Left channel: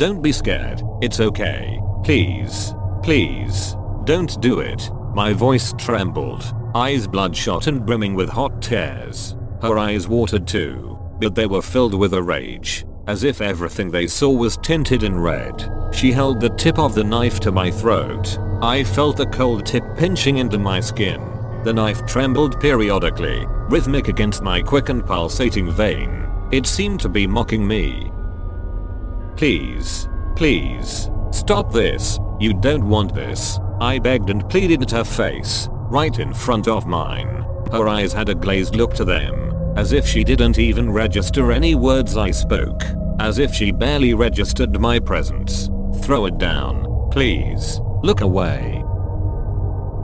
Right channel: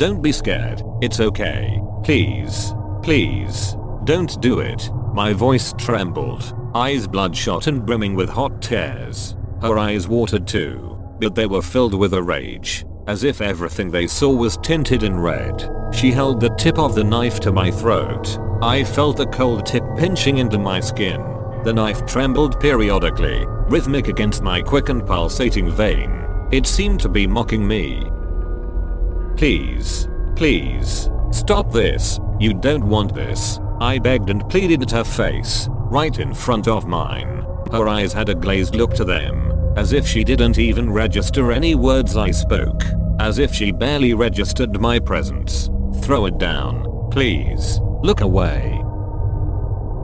Don't be scared. It's okay. Please. Please. Don't do it. My voice trembled. Eyes bloodshot and brimming with hot tears. Her eyes watered too, but they were filled with a rage, as if everything they saw was tinted in red. She held the tip of the knife to my throat. I felt the cold tip pinching into my skin. The knife trembled periodically, rhythmic against my quick and pulsating vein. It seemed to be mocking me. Please. Please. Stop this. You don't want this. I begged and pleaded at her face, right in front of mine. Her eyes had a glazed look to them, as if she didn't even register any words I spoke, as if she barely registered my presence. Throw it down, please. Look away.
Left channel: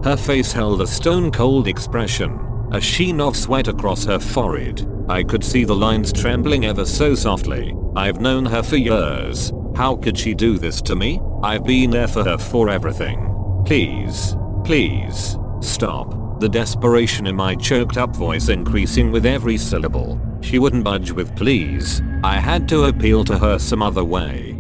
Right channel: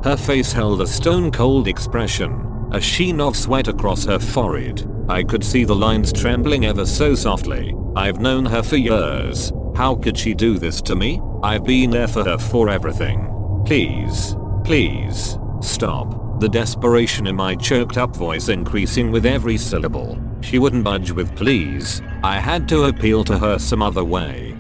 Her face held a stone-cold expression, a sheen of sweat across her forehead. I could see the lines trembling ever so softly. I've known her for years. How could she do this to me? I've been there for her for everything. Please. Please. Stop. The desperation in my choked up voice increasing with every syllable. She wouldn't budge with please. I had to appeal to her some other way.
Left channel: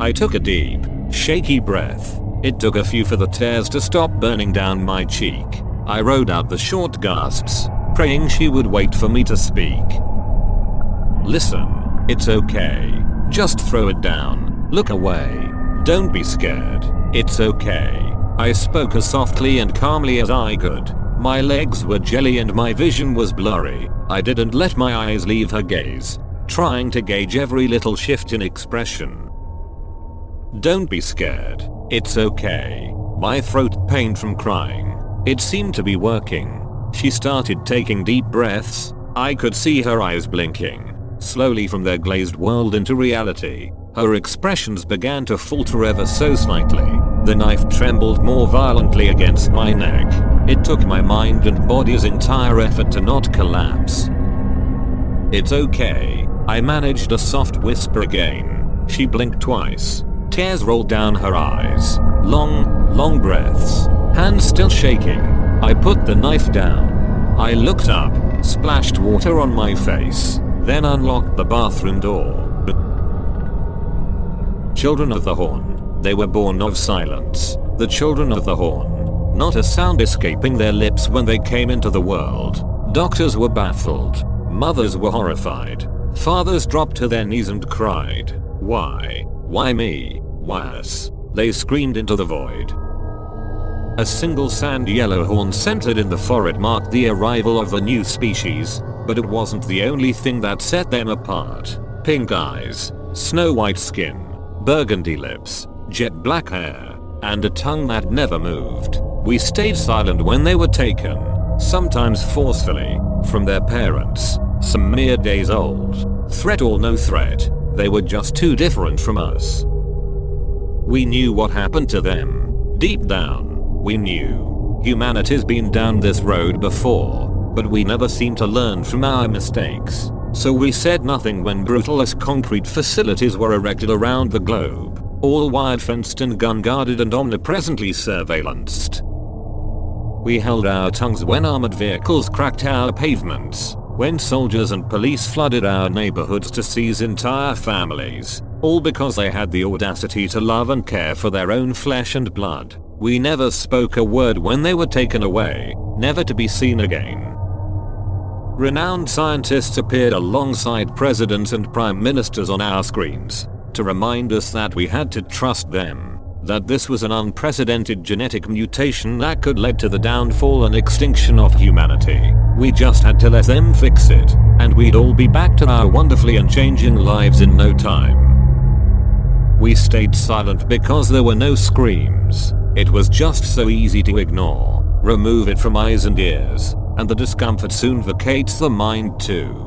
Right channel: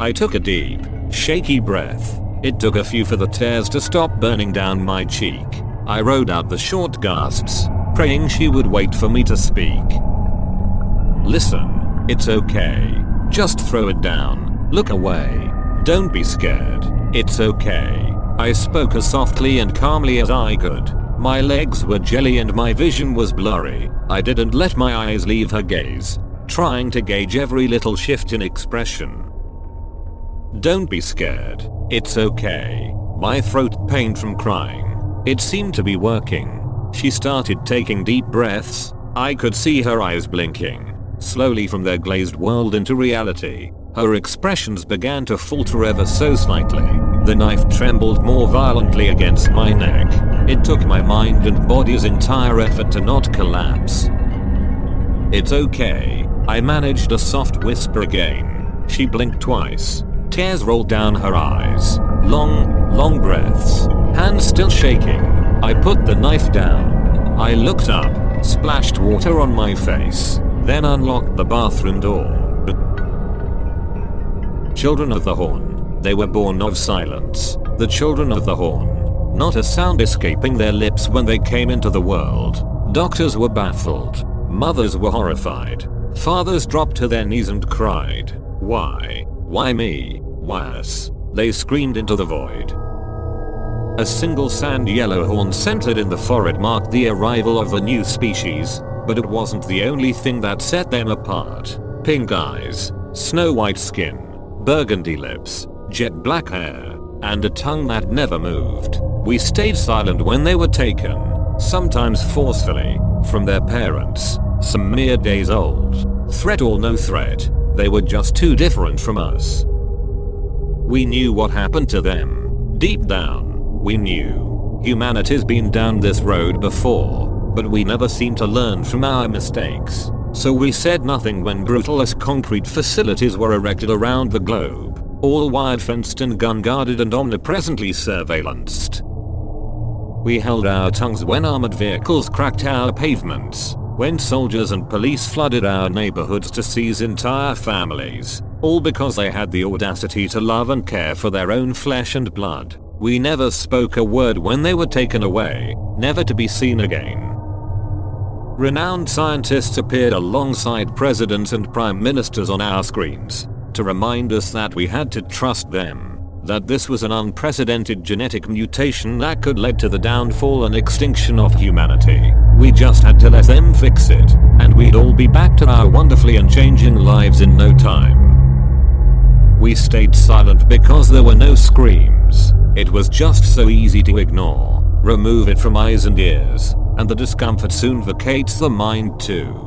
I took a deep, shaky breath. It took a few for the tears to stop burning down my cheek. I rode out the short gasps, praying she would wait for me to speak. Listen, it's okay. Just throw it down. Look away. Don't be scared. It's okay. I spoke as softly and calmly as I could. My legs were jelly and my vision was blurry. I didn't let my eyes leave her gaze, trying to gauge every little shift in expression. Don't be scared. It's okay. My throat pained from crying. It seemed to be working. She started taking deep breaths. I could see her eyes blinking, slowly from their glazed world into reality. Her expressions began to falter ever so slightly. The knife trembled more violently against my neck. It took my mind and body's entire effort to not collapse. It's okay. I managed a soft whisper again. She blinked twice. Tears rolled down her eyes. Long breaths. Hands still shaking. I put the knife down. I looked up, splashed water on my face, then unlocked the bathroom door. Children of the Horn. They were born of silence. The children of the Horn. Not a sound escaping their lips when they came into the world. Doctors were baffled. Mothers were horrified. Fathers dropped to their knees and cried. Why? Why me? Why us? They screamed into the void. A single sand yellow horn centered in the forehead marked the arrival of the new species, but it wasn't the only thing that set them apart. Pink eyes, snow white skin, burgundy lips, jet black hair, and a tongue that never moved. We stayed silent when they were taken, sometimes forcefully, from their parents, some mere days old. Threat or no threat, they were just too different from us. We knew what happened to them. Deep down, we knew. Humanity's been down this road before, but we never seemed to learn from our mistakes. So we said nothing when brutal as concrete facilities were erected around the globe, all wired fenced and gun guarded and omnipresently surveillanced. We held our tongues when armored vehicles cracked our pavements, when soldiers and police flooded our neighborhoods to seize entire families, all because they had the audacity to love and care for their own flesh and blood. We never spoke a word when they were taken away, never to be seen again. Renowned scientists appeared alongside presidents and prime ministers on our screens to remind us that we had to trust them, that this was an unprecedented genetic mutation that could lead to the downfall and extinction of humanity. We just had to let them fix it, and we'd all be back to our wonderfully unchanging lives in no time. We stayed silent because there were no screams. It was just so easy to ignore. Remove it from eyes and ears, and the discomfort soon vacates the mind too.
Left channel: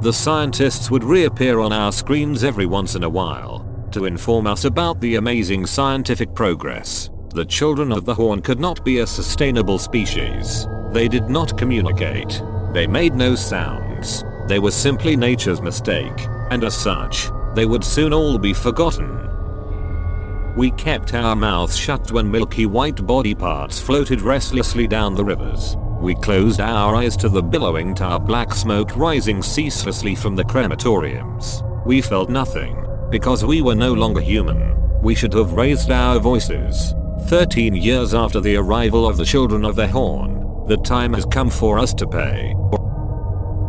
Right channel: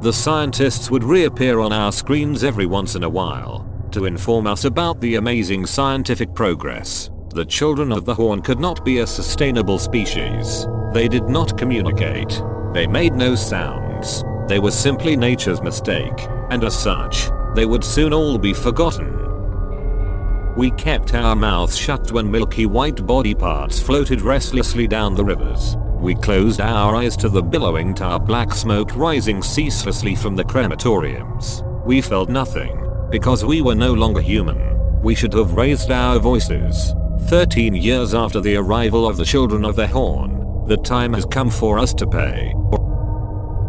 The scientists would reappear on our screens every once in a while to inform us about the amazing scientific progress. The children of the Horn could not be a sustainable species. They did not communicate. They made no sounds. They were simply nature's mistake, and as such, they would soon all be forgotten. We kept our mouths shut when milky white body parts floated restlessly down the rivers. We closed our eyes to the billowing tar black smoke rising ceaselessly from the crematoriums. We felt nothing, Because we were no longer human. We should have raised our voices. 13 years after the arrival of the Children of the Horn, the time has come for us to pay.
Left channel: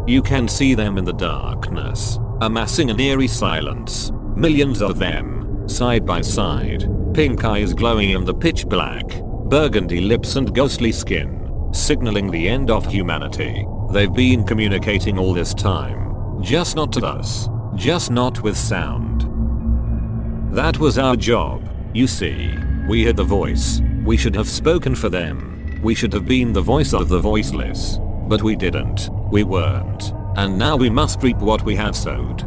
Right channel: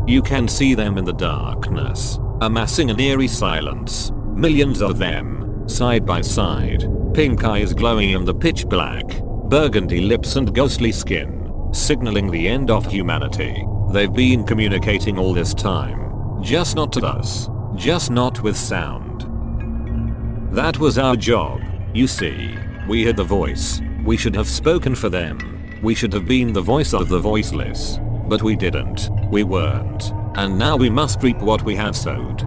You can see them in the darkness, amassing an eerie silence. Millions of them, side by side, pink eyes glowing in the pitch black, burgundy lips and ghostly skin, signaling the end of humanity. They've been communicating all this time. Just not to us. Just not with sound. That was our job. You see, we had the voice. We should have spoken for them. We should have been the voice of the voiceless. But we didn't. We weren't. And now we must reap what we have sowed.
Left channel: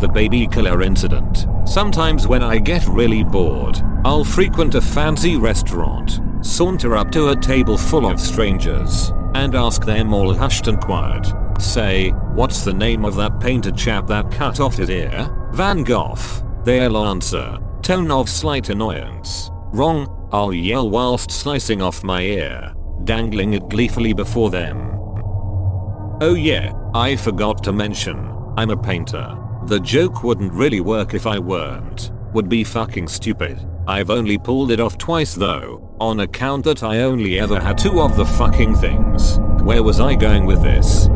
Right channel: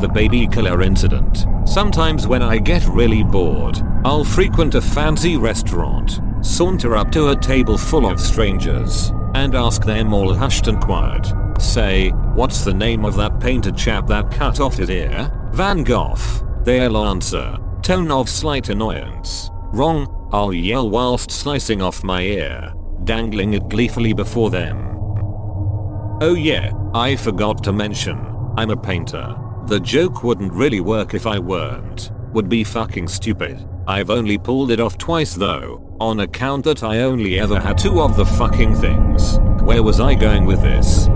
The baby killer incident. Sometimes when I get really bored, I'll frequent a fancy restaurant, saunter up to a table full of strangers, and ask them all hushed and quiet. Say, what's the name of that painted chap that cut off his ear? Van Gogh. They'll answer, tone of slight annoyance. Wrong, I'll yell whilst slicing off my ear, dangling it gleefully before them. Oh yeah, I forgot to mention, I'm a painter. The joke wouldn't really work if I weren't. Would be fucking stupid. I've only pulled it off twice though, on account that I only ever had 2 of the fucking things. Where was I going with this?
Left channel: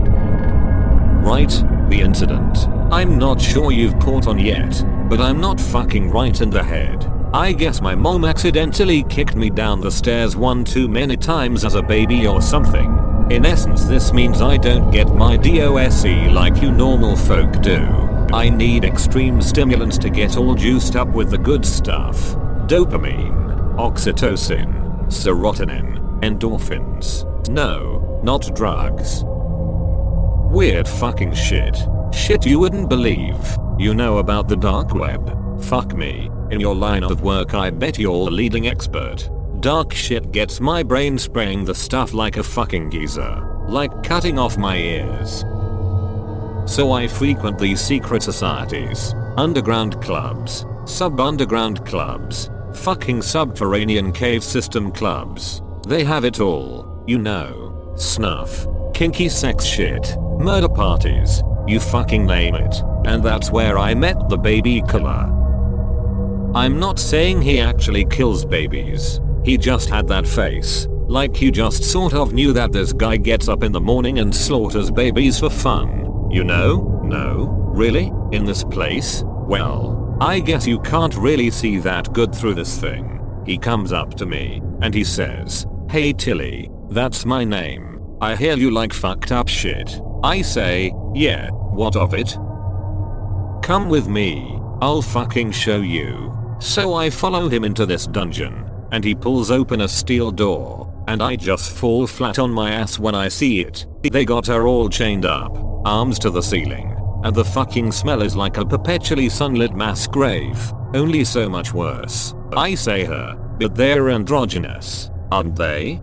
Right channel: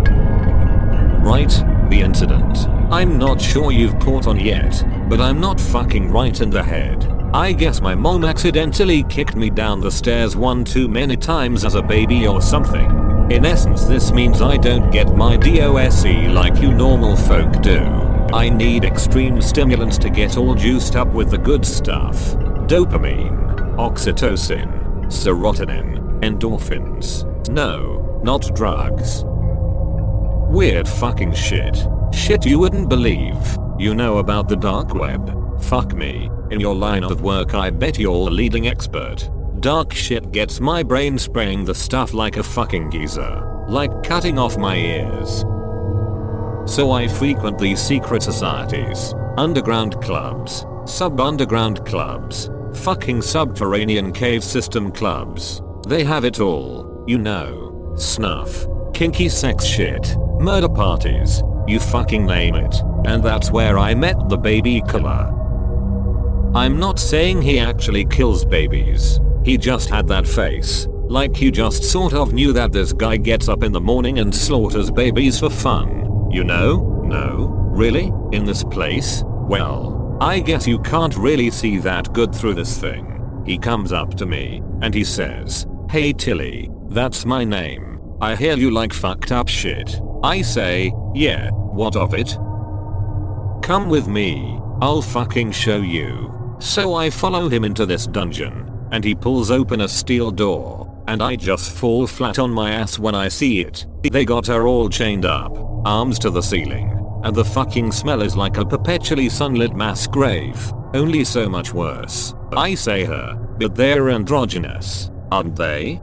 Right, the incident. I'm not sure you've caught on yet, but I'm not fucking right in the head. I guess my mom accidentally kicked me down the stairs one too many times as a baby or something. In essence, this means I don't get my DOSE like you normal folk do. I need extreme stimulants to get all juiced up with the good stuff. Dopamine, oxytocin, serotonin, endorphins. No, not drugs. Weird fucking shit. Shit you wouldn't believe. You know about the dark web. Fuck me. In your line of work I bet you're a leading expert. Dark shit gets my brain spraying the stuff like a fucking geezer. Like cutting off my ears. So I frequent these secret societies, underground clubs, sub-underground clubs, fucking subterranean cave system clubs. They have it all, you know. Snuff, kinky sex shit, murder parties, you fucking name it. And that's where I met the baby killer. I'm not saying he actually kills babies. He just had that face. Like you just sort of knew that this guy gets up in the morning and slaughters babies for fun. You know? No? Really? In this place? Well, I guess you can't really see that good through this thing. He comes up to me, and he says, "Hey Tilly, that's my name. I hear you like fucked up shit." I say, "Yeah, what of it?" "Come with me, I'll fucking show you." So I follow him into this dungeon, and he pulls open a steel door, and I just fall flat on my ass when I see it. They got her all chained up, arms to the ceiling, and the fucking smell is like a perpetually sunlit mass grave, only so much worse. I say her, but they're androgynous, aren't they?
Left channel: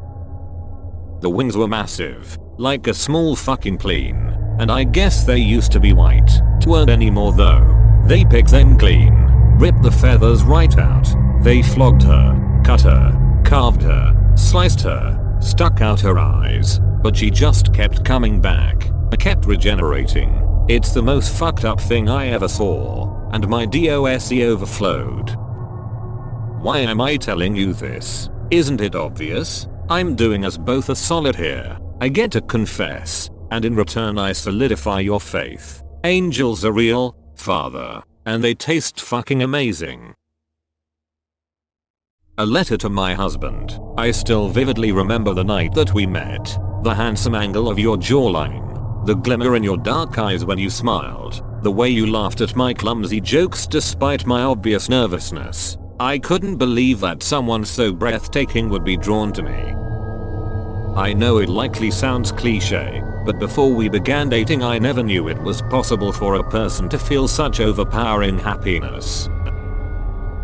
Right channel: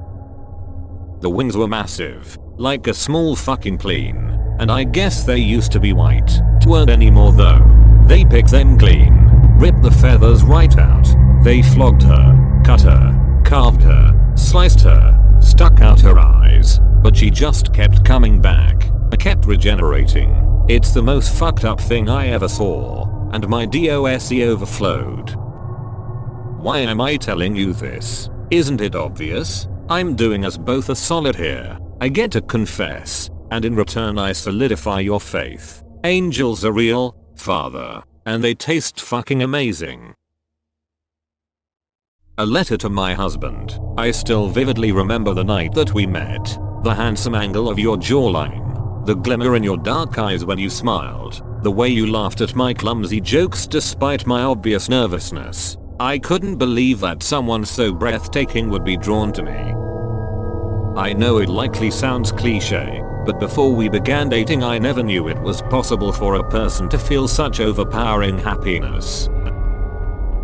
The wings were massive, like a small fucking plane, and I guess they used to be white. Weren't anymore though. They picked them clean, ripped the feathers right out. They flogged her, cut her, carved her, sliced her, stuck out her eyes, but she just kept coming back, kept regenerating. It's the most fucked up thing I ever saw, and my DOSE overflowed. Why am I telling you this? Isn't it obvious? I'm doing us both a solid here. I get to confess, and in return I solidify your faith. Angels are real, Father, and they taste fucking amazing. A letter to my husband. I still vividly remember the night that we met. The handsome angle of your jawline. The glimmer in your dark eyes when you smiled. The way you laughed at my clumsy jokes despite my obvious nervousness. I couldn't believe that someone so breathtaking would be drawn to me. I know it likely sounds cliche, but before we began dating I never knew it was possible for a person to feel such overpowering happiness.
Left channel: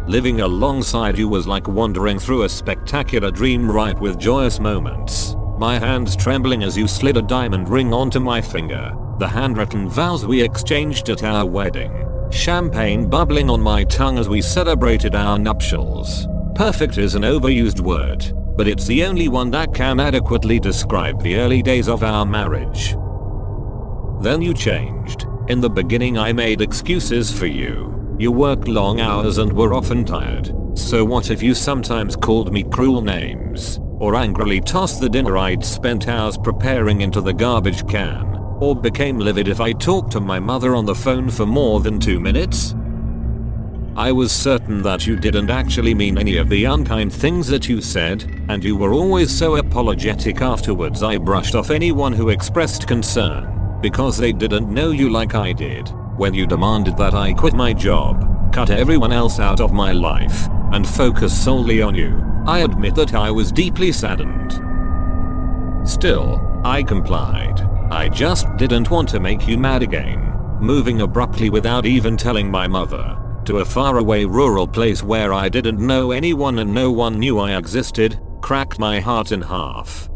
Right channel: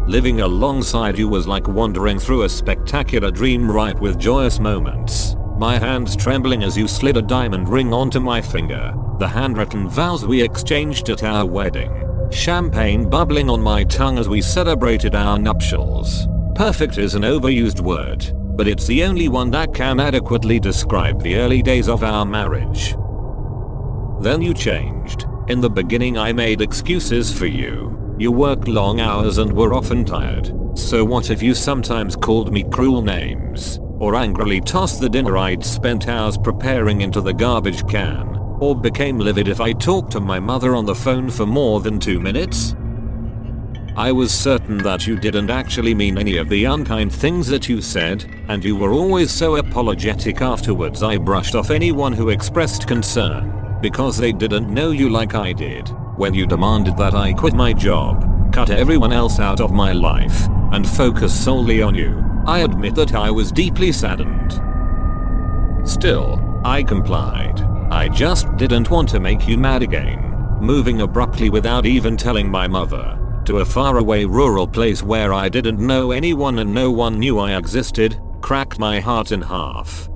Living alongside you was like wandering through a spectacular dream ripe with joyous moments. My hands trembling as you slid a diamond ring onto my finger. The handwritten vows we exchanged at our wedding. Champagne bubbling on my tongue as we celebrated our nuptials. Perfect is an overused word, but it's the only one that can adequately describe the early days of our marriage. Then you changed. In the beginning I made excuses for you. You worked long hours and were often tired. So what if you sometimes called me cruel names? Or angrily tossed the dinner I'd spent hours preparing into the garbage can? Or became livid if I talked to my mother on the phone for more than 2 minutes? I was certain that you didn't actually mean any of the unkind things that you said, and you were always so apologetic afterwards. I brushed off anyone who expressed concern, because they didn't know you like I did. When you demanded that I quit my job, cut everyone else out of my life, and focus solely on you, I admit that I was deeply saddened. Still, I complied. I just didn't want to make you mad again. Moving abruptly without even telling my mother to a faraway rural place where I didn't know anyone and no one knew I existed cracked my heart in half.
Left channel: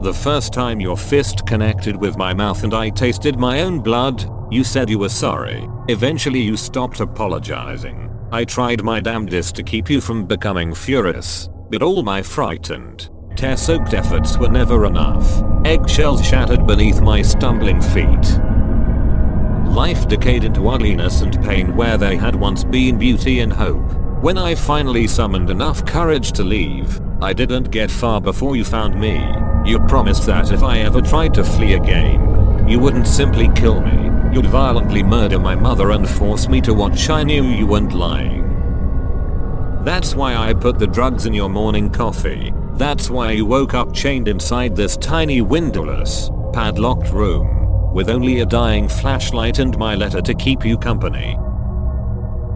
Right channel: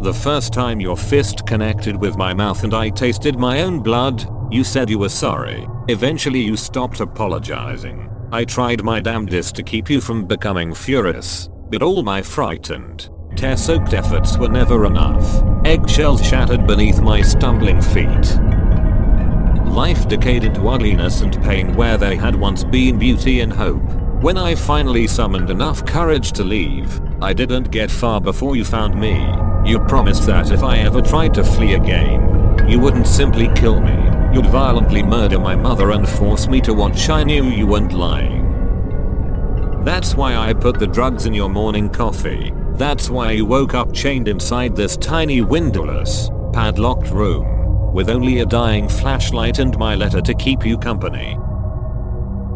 The first time your fist connected with my mouth and I tasted my own blood, you said you were sorry. Eventually you stopped apologizing. I tried my damnedest to keep you from becoming furious, but all my frightened, tear-soaked efforts were never enough. Eggshells shattered beneath my stumbling feet. Life decayed into ugliness and pain where there had once been beauty and hope. When I finally summoned enough courage to leave, I didn't get far before you found me. You promised that if I ever tried to flee again, you wouldn't simply kill me. You'd violently murder my mother and force me to watch. I knew you weren't lying. That's why I put the drugs in your morning coffee. That's why you woke up chained inside this tiny windowless, padlocked room, with only a dying flashlight and my letter to keep you company.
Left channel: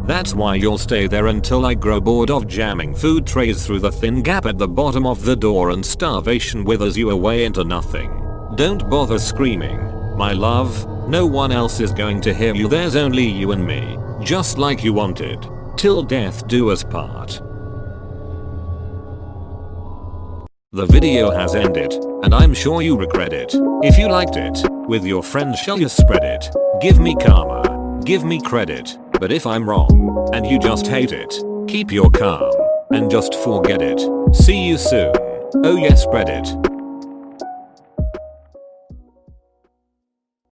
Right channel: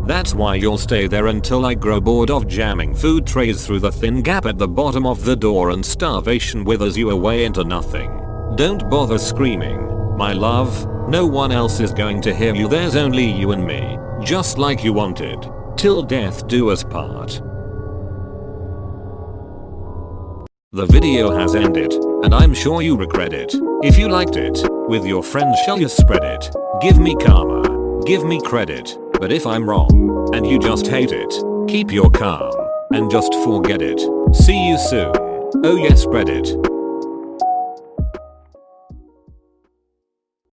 That's why you'll stay there until I grow bored of jamming food trays through the thin gap at the bottom of the door and starvation withers you away into nothing. Don't bother screaming, my love. No one else is going to hear you. There's only you and me, just like you wanted. Till death do us part. The video has ended, and I'm sure you regret it. If you liked it, with your friends shall you spread it? Give me karma, give me credit. But if I'm wrong, and you just hate it, keep your calm, and just forget it. See you soon. Oh yes, spread it.